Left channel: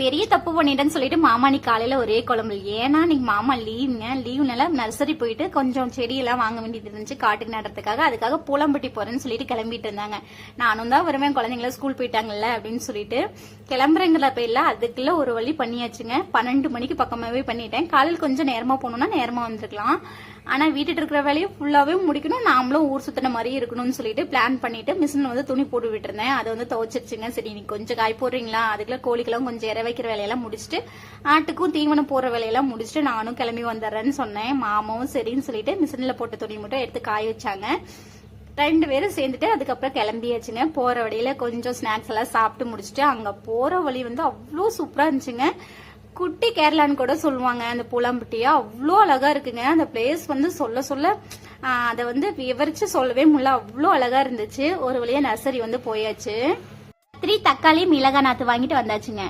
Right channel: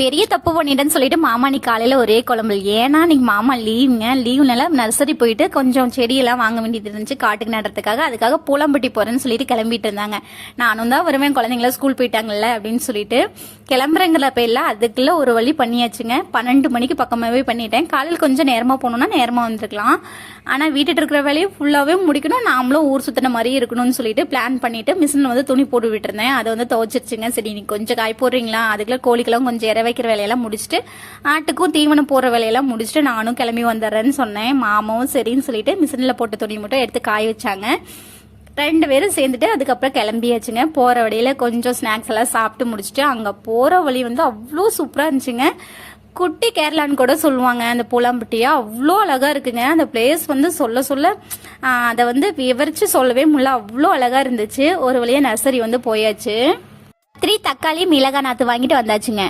பெரிய தப்பு பண்ணிட்டேன்னு சொல்லிட்டு மாமா நீ காலையில ஒரே குழம்பு. ஏன்னா நீங்க மாமா லீவுங்க. லீவ்னால நர்சரி போயிட்டு கொஞ்சம் செடியெல்லாம் வாங்க வேண்டியது இருந்துச்சு. காட்டுக்கு நடுறதுக்காக அதுக்காக பூலம்பட்டி போறேன்னு சொல்லிட்டு கிளம்பிட்டு இருந்தாங்க. நானும் தான் வருவேன். குழந்தைங்கள ஸ்கூல் போயிட்டாங்கல்ல அப்படின்னு சொல்லிட்டு கிளம்புறங்கிற பேர்ல அதுக்குள்ள ஒரு வழி பண்ணியாச்சுங்க. பன்னெண்டு மணிக்கு பக்கமாவே பண்ணிட்டேன். காலையில் கொஞ்சம் நேரமா போகணும்னா நேரமா வந்துருக்கலாம். ஆனா வீட்டுட்டு இருக்கிற வேலையை ஃபுல்லாவே முடிக்கணும். நாமளும் ஊர் சுத்தின மாதிரி இருக்கணும்னு சொல்லிட்டு பிளான் பண்ணிட்டு மிஷின்ல வந்து துணி போட்டு விட்டுருந்தேன் அதை வந்து துவச்சிருச்சுங்க. சரி நீ கொஞ்சம் காய் போடுறீங்களா? அதுக்குள்ள கோழிக்கெல்லாம் கொஞ்சம் இற வைக்கிற வேலையெல்லாம் முடிச்சுட்டு ஆட்டுக்கும் தீவனம் போடுற வேலையெல்லாம் முடிச்சுட்டு நானும் கிளம்பி வந்துடுறேன்னு சொன்னேன். மாமாவும் சரின்னு சொல்லிட்டு மிஷினில் போட்ட துணி மட்டும் எடுத்து காய வச்சாங்க. ரெண்டு பேரும் சேர்ந்துட்டு அதுக்கப்புறம் கிளம்பியாச்சுங்க. போகிற வழியில் கொஞ்சம் ஸ்நாக்ஸ் எல்லாம் சாப்பிட்டு முடிச்சுட்டு அங்கே போகிற வழி வந்து அவ்வளோ சூப்பராக இருந்துச்சுங்க. குட்டி கேரளான்னு கூட சொல்லுவாங்க அந்த புலம்பட்டியா? அவ்வளோ அழகா இருக்குங்க. அந்த பிளேஸ் வந்து சொல்ல சொல்ல அதை வந்து விவரிச்சு சொல்லவே முடியல. அவ்வளோ அழகா இருந்துச்சு. ஒரு வழியா நர்சரி வந்து போயாச்சு. த்ரீ தக்காளி மிளகாய் நாத்து வாங்கிட்டு வந்தாச்சுங்க.